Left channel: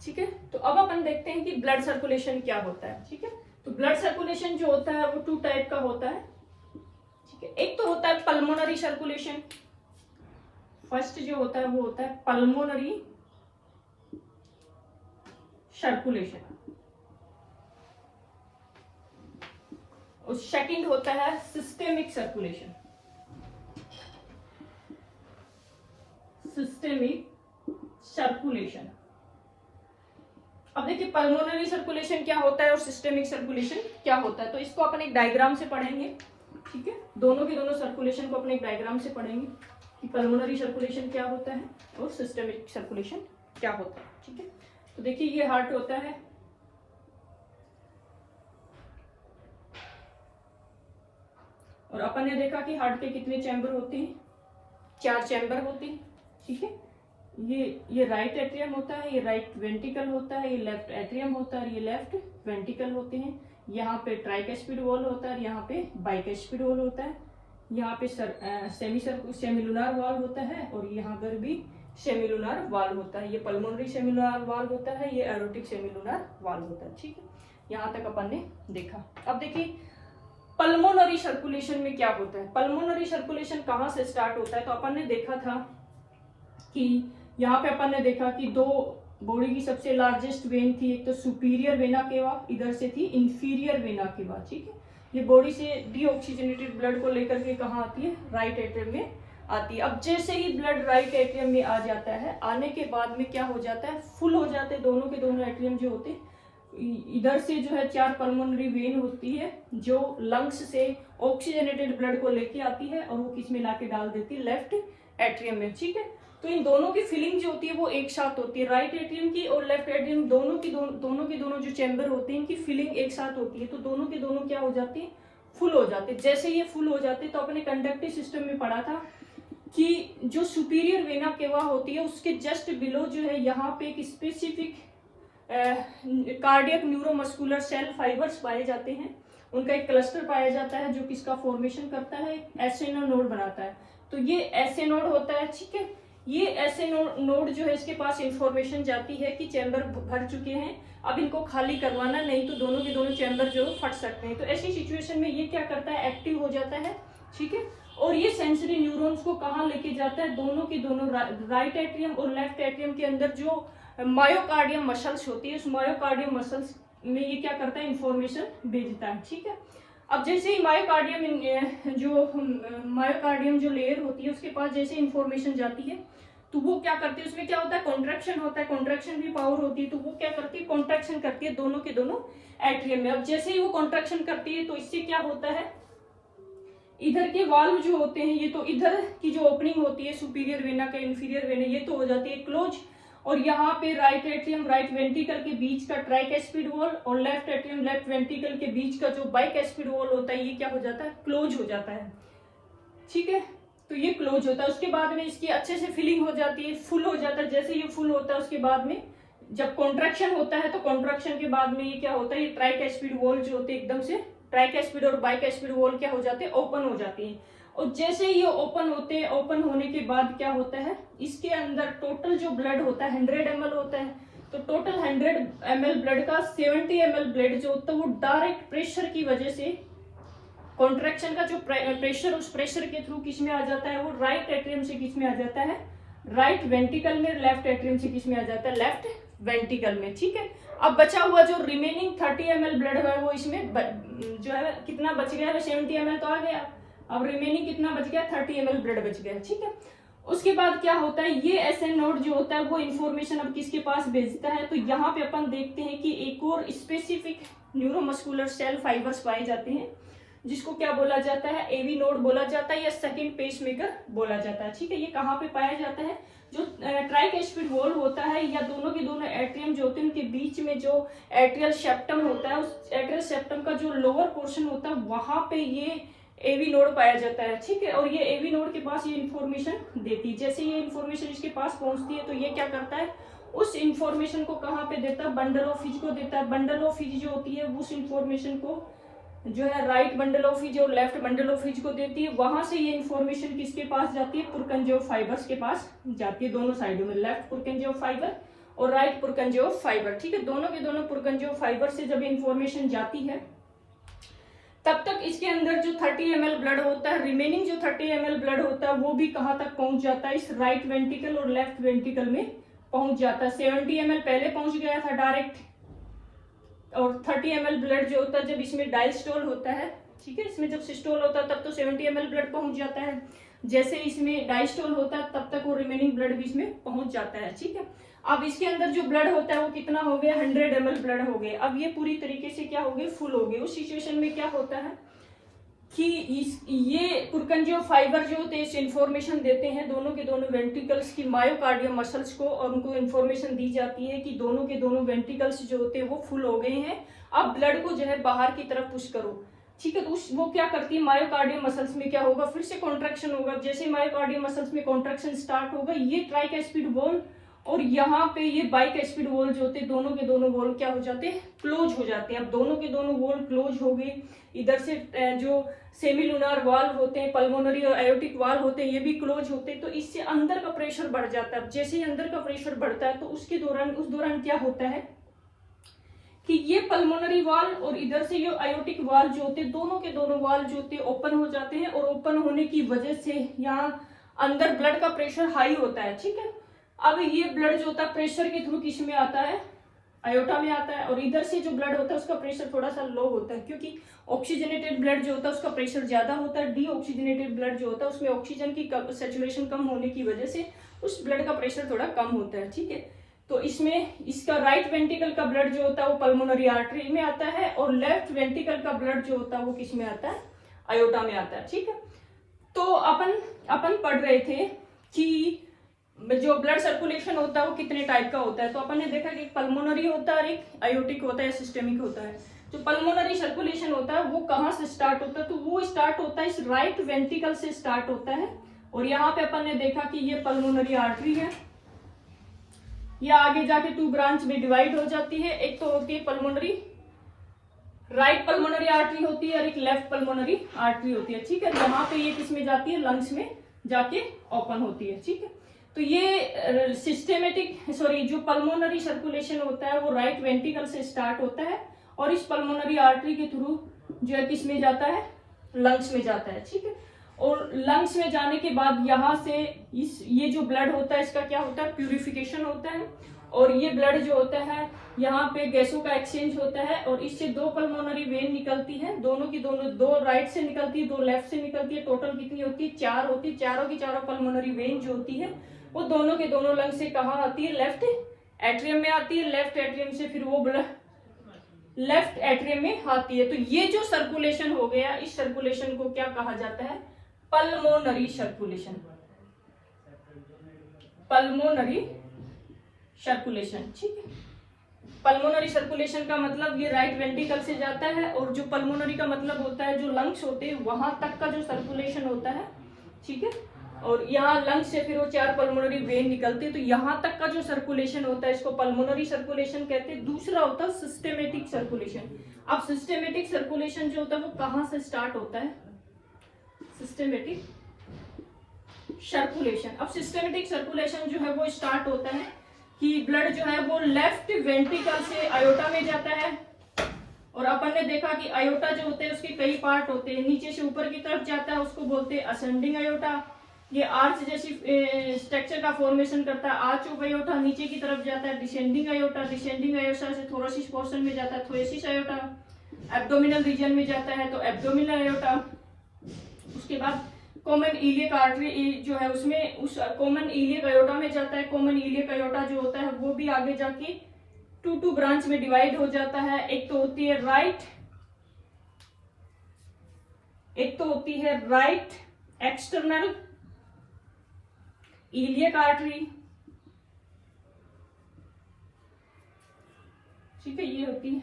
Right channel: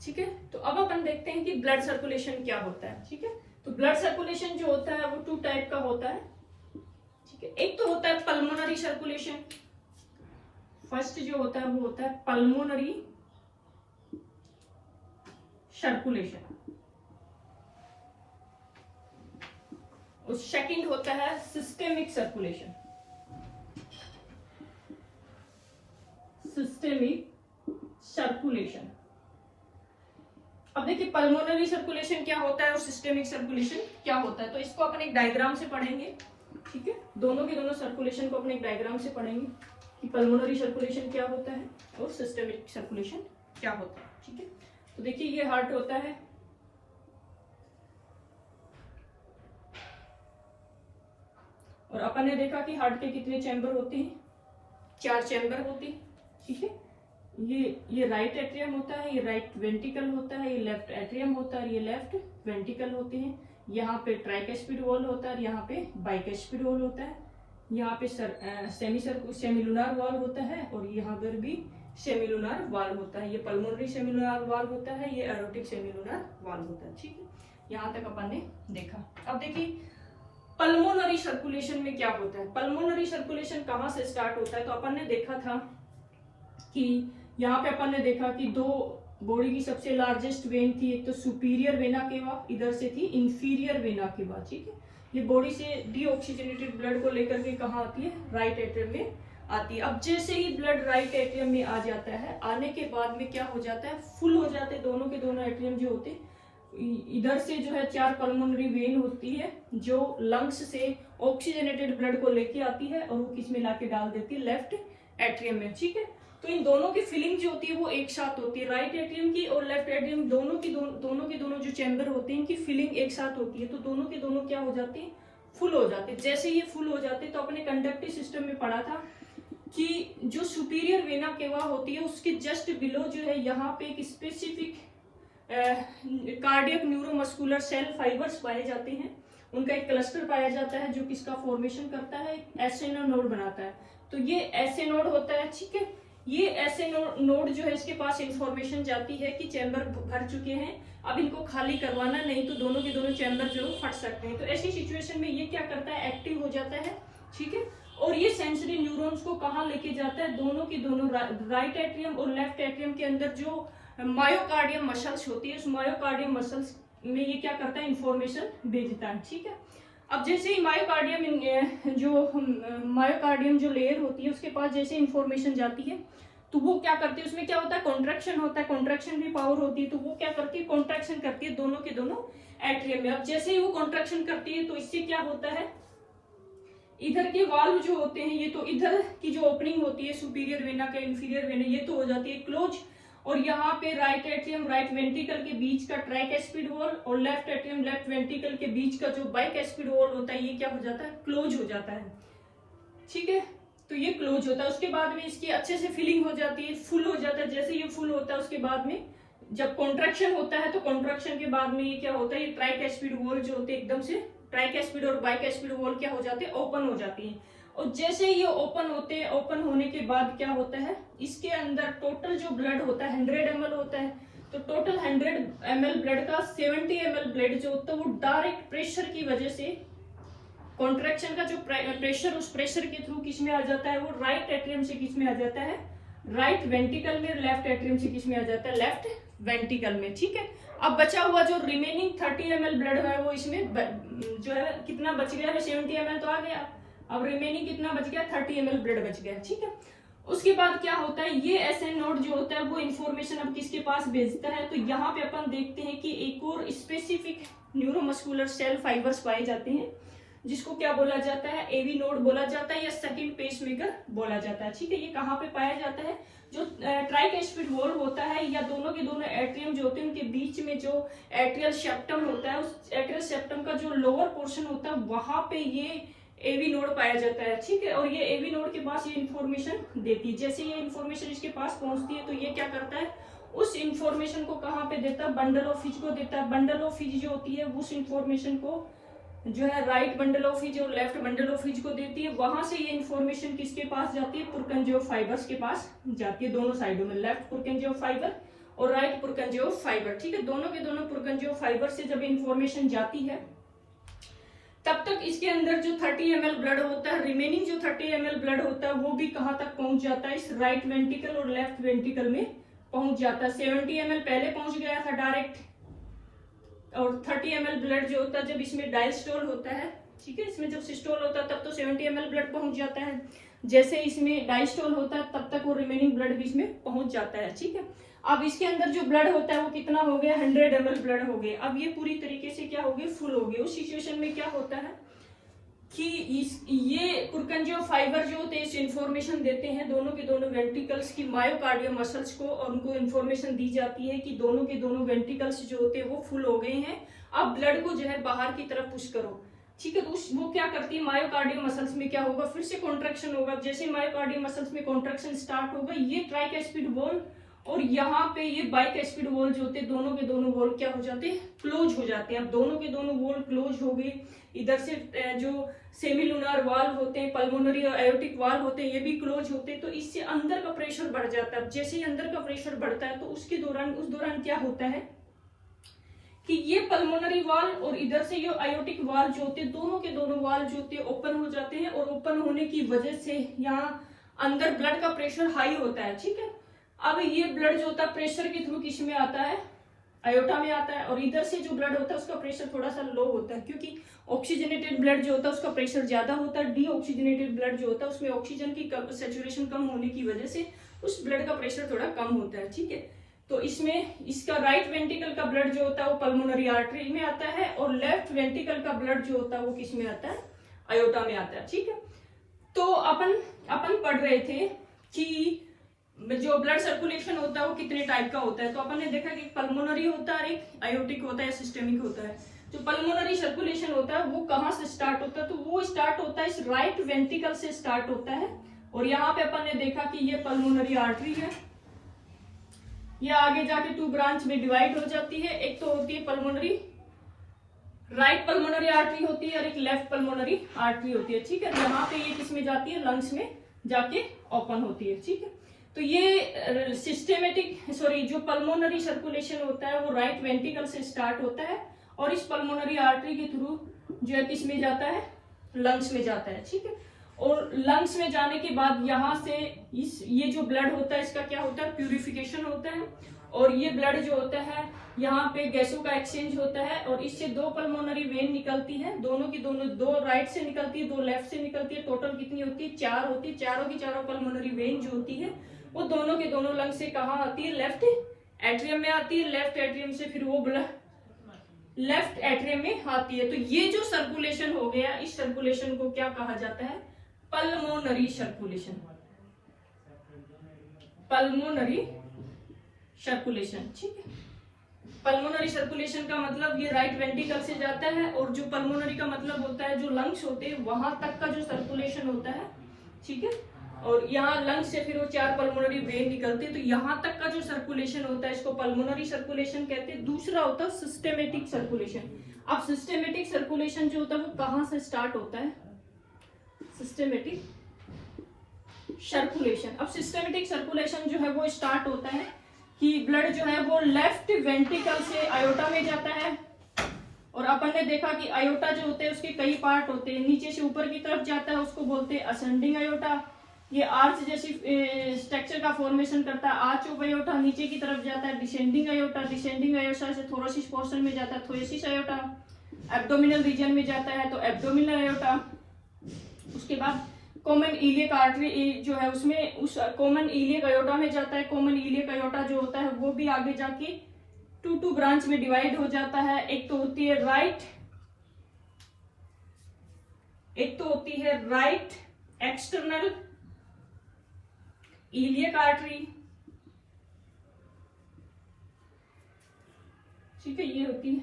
ठीक है। तो अब अपन देखते हैं कि ब्लड सर्कुलेशन क्या होता है। ठीक है, तो ब्लड सर्कुलेशन जो होता है वो 2 टाइप का होता है। ठीक है, एक तो होता है पल्मोनरी सर्कुलेशन। फर्स्ट जो होता है वो होता है पल्मोनरी सर्कुलेशन, और सेकंड होता है सिस्टेमिक सर्कुलेशन। Systemic circulation. अब देखिए पल्मोनरी सर्कुलेशन क्या होता है और सिस्टेमिक सर्कुलेशन क्या होता है, तो इसको अपन एक डायग्राम से पढ़ेंगे। ठीक है, दोनों की दोनों सर्कुलेशन को अपने एक डायग्राम से पढ़ेंगे कि पल्मोनरी सर्कुलेशन क्या होता है और सिस्टेमिक सर्कुलेशन क्या होता है। ठीक है, तो देखिए ये हार्ट होता है, और अपन ने देखा कि हार्ट के कितने चैम्बर होते हैं, 4 चैम्बर होते हैं। ठीक है, ये राइट एट्रियम होता है, ये राइट वेंट्रिकल होता है, ये लेफ्ट एट्रियम होता है, ये लेफ्ट वेंट्रिकल होते हैं। यहाँ पे ट्राइकैस्पिड वॉल होता है, यहाँ पे बाइकैस्पिड वॉल होता है, यहाँ पे सेमिलुनार वाल होता है, और यहाँ पर भी सेमिलुनार वाल होता है। ये पल्मोनरी सेमिलुनार वाल होता है, ये एरोटिक सेमिलुनार वाल होता है। ठीक है, यहाँ तक अपन ने देखा। अब देखिए पल्मोनरी सर्कुलेशन में क्या होता है। पल्मोनरी सर्कुलेशन कहाँ से स्टार्ट होता है, तो अपन ने देखा था कि यहाँ पे अपन ने देखा कि 2 बॉडी की सबसे लार्जेस्ट वेन थी, एक तो सुपीरियर वेना केवा, इधर से थी इंफीरियर वेना केवा। ठीक है, ये बॉडी से डीऑक्सीजनेटेड ब्लड को लेकर के कहाँ आती है, राइट एट्रियम में आती है। अब जैसे ही ब्लड राइट एट्रियम में आ जाता है, आने के बाद में क्या हो जाता है, फुल हो जाते हैं दोनों के दोनों एट्रियम जो होते हैं। इधर से जो है 4 पल्मोनरी वेन होती है जो लंग्स से ऑक्सीजनेटेड ब्लड को लेके आती है, और वो किस में लाके डाल देती है, लेफ्ट एट्रियम में। ठीक है, तो इन दोनों की फिलिंग जो होती है वो एक साथ होती है, राइट एट्रियम की और लेफ्ट एट्रियम दोनों की दोनों जो चैम्बर होते हैं इनकी फिलिंग एक साथ होती है, तो दोनों के दोनों क्या हो जाती है, फुल हो जाते हैं। जैसे ये फुल हो जाते हैं तो अपने कंडक्टिव सिस्टम में पढ़ा था कि जो सुपीरियर वेना केवा होती है उसके जस्ट बिलो जो है यहाँ पे एक specific cardiac neuromuscular cell fibres पाए जाते हैं, उनका एक क्लस्टर पाया जाता है जो किसका फॉर्मेशन करता है, एसए नोड बनाता है। तो ये एसए नोड होता है। ठीक है, ये एसए नोड जो है इसके पास इंफॉर्मेशन जाती है कि चैम्बर भर चुके हैं, अब इनको खाली करवाना, नहीं तो दोनों के दोनों चैम्बर जो फट सकते हैं। तो ऐसी सिचुएशन में ये क्या करता है, एक्टिव हो जाता है। ठीक है, और ये सेंसरी न्यूरॉन्स को कहाँ लेके जाता है, दोनों की दोनों राइट एट्रियम और लेफ्ट एट्रियम के अंदर जो मायोकार्डियम मसल्स होती है, उस मायोकार्डियम मसल्स में ये क्या करता है, इंफॉर्मेशन भेजता है। ठीक है, अब जैसे ही मायोकार्डियम जो लेयर होती है उसके पास जैसे इंफॉर्मेशन जाती है तो वो क्या करती है, उसमें क्या होता है, कॉन्ट्रैक्शन होता है, कॉन्ट्रैक्शन भी पावर होती है, तो वो क्या करती है, कॉन्ट्रैक्शन करती है दोनों के दोनों एट्रियम में। अब जैसे ही वो कॉन्ट्रैक्शन करती है तो इससे क्या होता है, इधर के वाल्व जो होते हैं, ये तो इधर की जो ओपनिंग होती है सुपीरियर वेना के इंफीरियर वेना, ये तो हो जाती है क्लोज, और यहाँ पे राइट एट्रियम राइट वेंट्रिकल के बीच का ट्राइकैस्पिड वॉल और लेफ्ट एट्रियम लेफ्ट वेंट्रिकल के बीच का जो बाइकैस्पिड वॉल होता है ये क्या हो जाता है, क्लोज हो जाता है। ठीक है, तो ये क्लोज होता है। उसके बाद में इसकी अच्छे से फिलिंग हो जाती है, फुल हो जाता है। जैसे ये फुल होता है उसके बाद में जब कॉन्ट्रैक्शन होता है तो कॉन्ट्रैक्शन के बाद में ये क्या होता है, ये ट्राइकैस्पिड वॉल जो होते हैं एकदम से ट्राइकैस्पिड और बाइकैस्पिड वॉल क्या हो जाते हैं, ओपन हो जाती है। और जैसे ये ओपन होते हैं, ओपन होने के बाद क्या होता है, इसके अंदर टोटल जो ब्लड होता है 100 ml होता है, तो टोटल 100 ml ब्लड का 70 ml ब्लड जो होता है वो डायरेक्ट प्रेशर की वजह से, कॉन्ट्रैक्शन का जो प्रेशर, उस प्रेशर के थ्रू किस में आ जाता है, वो राइट एट्रियम से किस में आ जाता है, राइट वेंट्रिकल में, लेफ्ट एट्रियम से किस में आ जाता है, लेफ्ट वेंट्रिकल में। ठीक है, अब बचा हुआ जो रिमेनिंग 30 ml ब्लड है वो इसमें जो है कितना बच गया है, 70 ml तो आ गया, अब रिमेनिंग कितना बच गया, 30 ml ब्लड बच गया। ठीक है, उसके बाद क्या होता है, ये एसएन नोड जो होता है वो इन्फॉर्मेशन अब किसके पास भेजता है, तो यहाँ पे अपन देखते हैं कि एक और स्पेसिफिक न्यूरोमस्कुलर सेल फाइबर्स पाए जाते हैं जिसको क्या बोला जाता है, एवी नोड बोला जाता है या सेकंड पेसमेकर बोला जाता है। ठीक है, ये कहाँ पे पाया जाता है, जो ट्राइकैस्पिड वॉल होता है या दोनों के दोनों एट्रियम जो होते हैं उनके बीच में जो एट्रियल सेप्टम होता है, उस एट्रियल सेप्टम का जो लोअर पोर्शन होता है वहां पे ये एवी नोड पाया जाता है। ठीक है, और ये एवी नोड के पास ये इन्फॉर्मेशन देती है। जैसे ये इन्फॉर्मेशन इसके पास पहुंचती है तो ये क्या करता है, उस इन्फॉर्मेशन को कहाँ पे देता है, बंडल ऑफ हिज को देता है। बंडल ऑफ हिज जो होती है उस इन्फॉर्मेशन को जो है राइट बंडल ऑफ हिज और लेफ्ट बंडल ऑफ हिज को देती है। वहां से ये इन्फॉर्मेशन किसके पास जाती है, पुरकंजो फाइबर्स के पास जाती है, दोनों साइडों में, लेफ्ट पुरकंजो फाइबर और राइट पुरकंजियो फाइबर। ठीक है, दोनों के दोनों पुरकंजियो फाइबर से जब इंफॉर्मेशन जाती है तब तक इसके अंदर जो 30 ml ब्लड होता है, रिमेनिंग जो 30 ml ब्लड होता है वो भी कहाँ तक पहुंच जाता है, इस राइट वेंट्रिकल और लेफ्ट वेंट्रिकल में पहुंच जाता है। 70 ml पहले पहुंच गया था डायरेक्ट, और 30 ml ब्लड जो होता है जब इसमें डायस्टोल होता है, ठीक है, इसमें जब सिस्टोल होता है तब तो 70 ml ब्लड पहुंच जाता है, जैसे इसमें डायस्टोल होता है तब तक वो रिमेनिंग ब्लड भी इसमें पहुंच जाता है। ठीक है, अब इसके अंदर जो ब्लड होता है वो कितना हो गया, 100 ml ब्लड हो गया। अब ये पूरी तरीके से क्या हो गया, फुल हो गया। उस सिचुएशन में क्या होता है कि ये पुरकंजियो फाइबर जो होते हैं इस इंफॉर्मेशन देते हैं दोनों के दोनों वेंट्रिकल्स की मायोकार्डियम मसल्स को, और उनको इंफॉर्मेशन दी जाती है कि दोनों के दोनों वेंट्रिकल्स जो होते हैं वो फुल हो गए हैं, अब ब्लड को जो है बाहर की तरफ पुश करो। ठीक है, तो वो क्या करती है, मायोकार्डियम मसल्स में क्या होगा, फिर से कॉन्ट्रैक्शन होगा। जैसे मायोकार्डियम मसल्स में कॉन्ट्रैक्शन स्टार्ट होगा, ये ट्राइकैस्पिड वॉल और यहाँ पे ये बाइकैस्पिड वॉल जो होते हैं दोनों के दोनों वॉल क्या हो जाते हैं, क्लोज हो जाते हैं। अब दोनों के दोनों वॉल क्लोज हो गए। इधर से जो सेमिलुनार वाल्व होते हैं, पल्मोनरी और एयोटिक वाल्व होते हैं, ये भी क्लोज होते हैं, तो इससे अंदर का प्रेशर बढ़ जाता है। जैसे ही अंदर का प्रेशर बढ़ता है तो उसके दौरान उस दौरान क्या होता है कि ये पल्मोनरी वाल्व और इधर से ये आयोटिक वाल्व जो होते हैं दोनों के दोनों वाल्व जो होते हैं ओपन हो जाते हैं, और ओपन होने की वजह से यहाँ अंदर ब्लड का प्रेशर हाई होता है। ठीक है, अब ये ब्लड जो होता है प्रेशर के थ्रू किस में आता है, आयोटा में आता है, और इधर से जो ब्लड होता है उसका प्रेशर थोड़ा सा लो होता है, क्योंकि ऑक्सीजनेटेड ब्लड जो होता है उसका प्रेशर ज्यादा होता है। डीऑक्सीजनेटेड ब्लड जो होता है उसमें ऑक्सीजन की सैचुरेशन कम होने की वजह से उस ब्लड का प्रेशर थोड़ा कम होता है। ठीक है, तो इसमें इसका राइट वेंट्रिकल का ब्लड जो होता है वो पल्मोनरी आर्टरी में आता है, और लेफ्ट वेंट्रिकल का ब्लड जो होता है वो किस में आता है, आयोटा में आता है। ठीक है, तो अपन पढ़ रहे थे कि जो ब्लड सर्कुलेशन होता है वो कितने टाइप का होता है, तो अपन ने देखा कि पल्मोनरी होता है और एक आयोटिक होता है, सिस्टेमिक होता है। जो पल्मोनरी सर्कुलेशन होता है वो कहाँ से स्टार्ट होता है, तो वो स्टार्ट होता है इस राइट वेंट्रिकल से स्टार्ट होता है, और यहाँ पे अपन ने देखा कि ये पल्मोनरी आर्टरी है, ये आगे जाके 2 ब्रांच में डिवाइड हो जाती है। एक तो होती है पल्मोनरी राइट पल्मोनरी आर्टरी होती है और एक लेफ्ट पल्मोनरी आर्टरी होती है। ठीक है, यहाँ पे ये किस में जाती है, लंग्स में जाके ओपन होती है। ठीक है, तो ये जो पल्मोनरी सर्कुलेशन होता है वो राइट वेंट्रिकल से स्टार्ट होता है, और इस पल्मोनरी आर्टरी के थ्रू जो है किस में जाता है, लंग्स में जाता है। ठीक है, और लंग्स में जाने के बाद यहाँ से ये जो ब्लड होता है इसका क्या होता है, प्यूरिफिकेशन होता है, और ये ब्लड जो होता है यहाँ पे गैसों का एक्सचेंज होता है, और इससे 2 पल्मोनरी वेन निकलती है, दोनों की दोनों, 2 राइट से निकलती है, 2 लेफ्ट से निकलती है। टोटल कितनी होती है, 4 होती है। चारों की चारों पल्मोनरी वेन जो होती है वो दोनों के दोनों लंग से कहाँ आती है, लेफ्ट एट्रियम में आती है। लेफ्ट एट्रियम से फिर वो ब्लड लेफ्ट एट्रियम में आती है। तो ये जो सर्कुलेशन हो गया, इस सर्कुलेशन को क्या कहा जाता है, पल्मोनरी सर्कुलेशन। Pulmonary circulation. ठीक है, पल्मोनरी सर्कुलेशन का मतलब ये राइट वेंट्रिकल से जाता है, और जो पल्मोनरी का मतलब होता है जो लंग्स होते हैं वहां तक का जो सर्कुलेशन होता है। ठीक है, और यहाँ लंग्स से फिर वो 4 पल्मोनरी वेन निकलती है, तो यहाँ तक का जो सर्कुलेशन होता है इसको पल्मोनरी सर्कुलेशन कहते हैं। दूसरा होता है सिस्टेमेटिक सर्कुलेशन। अब सिस्टेमेटिक सर्कुलेशन जो होता है वो कहाँ से स्टार्ट होता है, सिस्टेमेटिक सर्कुलेशन। अब सिस्टेमेटिक सर्कुलेशन जो है वो स्टार्ट होता है कि ब्लड जो है वो लेफ्ट वेंट्रिकल से आयोटा में जाता है, और अपन ने देखा कि आयोटा जो होते हैं उसके कई पार्ट होते हैं। नीचे से ऊपर की तरफ जाता है उसको बोलते हैं असेंडिंग आयोटा, ये आर्च जैसी स्ट्रक्चर का फॉर्मेशन करता है, आर्च ऑफ आयोटा। नीचे की तरफ जाता है डिसेंडिंग आयोटा, डिसेंडिंग आयोटा से थोरोसिस पोर्शन में जाता है थोरेसिस आयोटा, एब्डोमिनल रीजन में जाता है तो एब्डोमिनल आयोटा। उसके बाद कॉमन इलियक आर्टरी जो है उसमें उस कॉमन इलियक आयोटा में जाता है। कॉमन इलियक आयोटा जो होता है वो भी आगे जाके 2 ब्रांच में डिवाइड हो जाता है। एक तो होती है राइट एक्सटर्नल इलियक आर्टरी। ठीक है, ये होती है,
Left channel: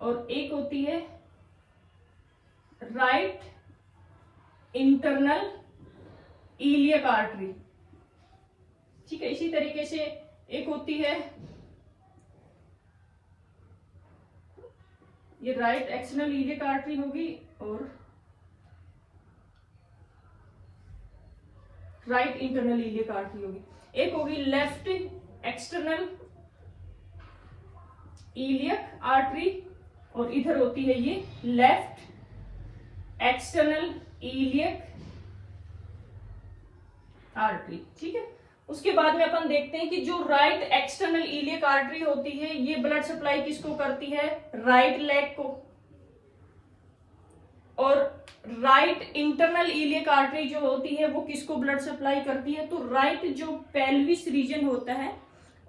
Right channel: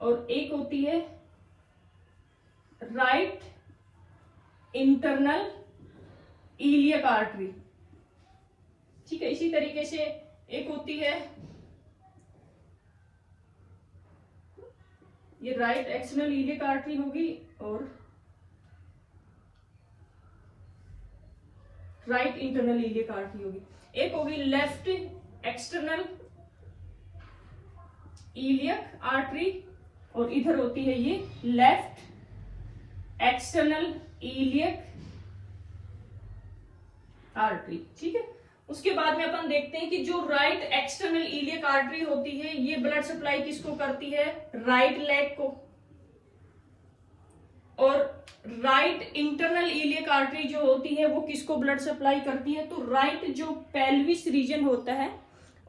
और एक होती है राइट इंटरनल इलियक आर्टरी। ठीक है, इसी तरीके से एक होती है ये राइट एक्सटर्नल इलियक आर्टरी होगी, और राइट इंटरनल इलियक आर्टरी होगी। एक होगी लेफ्ट एक्सटर्नल इलियक आर्टरी, और इधर होती है ये लेफ्ट एक्सटर्नल इलियक आर्टरी। ठीक है, उसके बाद में अपन देखते हैं कि जो राइट एक्सटर्नल इलियक आर्टरी होती है ये ब्लड सप्लाई किसको करती है, राइट लेग को, और राइट इंटरनल इलियक आर्टरी जो होती है वो किसको ब्लड सप्लाई करती है, तो राइट जो पेल्विस रीजन होता है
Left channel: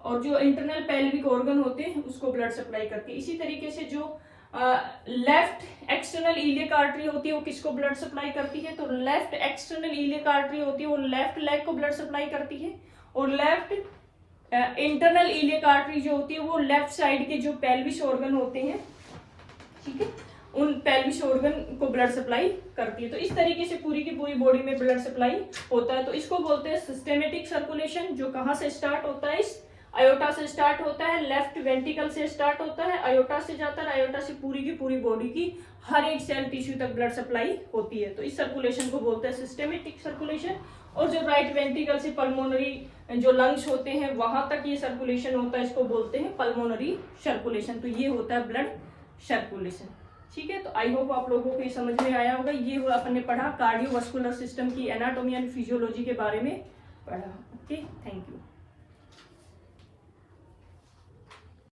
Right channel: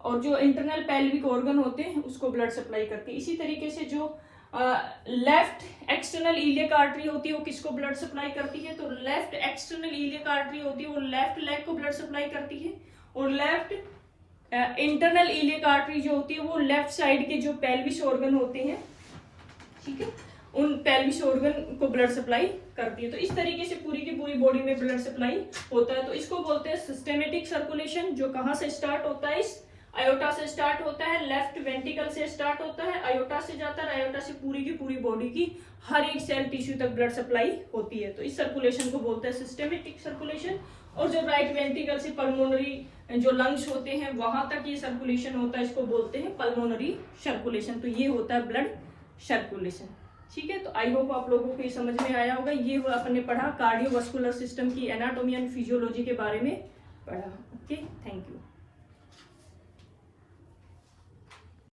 और जो इंटरनल पेल्विक ऑर्गन होते हैं उसको ब्लड सप्लाई करती है। इसी तरीके से जो लेफ्ट एक्सटर्नल इलियक आर्टरी होती है वो किसको ब्लड सप्लाई करती है, तो लेफ्ट एक्सटर्नल इलियक आर्टरी होती है वो लेफ्ट लेग को ब्लड सप्लाई करती है, और लेफ्ट इंटरनल इलियक आर्टरी जो होती है वो लेफ्ट साइड के जो पेल्विस ऑर्गन होते हैं, ठीक है, उन पेल्विस ऑर्गन को ब्लड सप्लाई करती है। तो इस तरीके से पूरी की पूरी बॉडी में ब्लड सप्लाई होता है। तो इसको बोलते हैं सिस्टेमेटिक सर्कुलेशन, जो कहाँ से स्टार्ट होता है, इस आयोटा से स्टार्ट होता है, लेफ्ट वेंट्रिकल से स्टार्ट होता है, आयोटा से जाता है, आयोटा से पूरी की पूरी बॉडी की हर एक सेल टिश्यू तक ब्लड सप्लाई होती है। तो इस सर्कुलेशन को बोलते हैं सिस्टेमेटिक सर्कुलेशन। और जो राइट वेंट्रिकल से पल्मोनरी जो लंग्स होते हैं वहां तक ये सर्कुलेशन होता है, इसको बोलते हैं पल्मोनरी सर्कुलेशन। तो ये होता है ब्लड सर्कुलेशन। ठीक है, तो आई होप आप लोगों को ये समझ में आया होगा। ये अपन ने पढ़ा कार्डियोवास्कुलर सिस्टम की एनाटॉमी एंड फिजियोलॉजी के बारे में पढ़ा। Okay, thank you.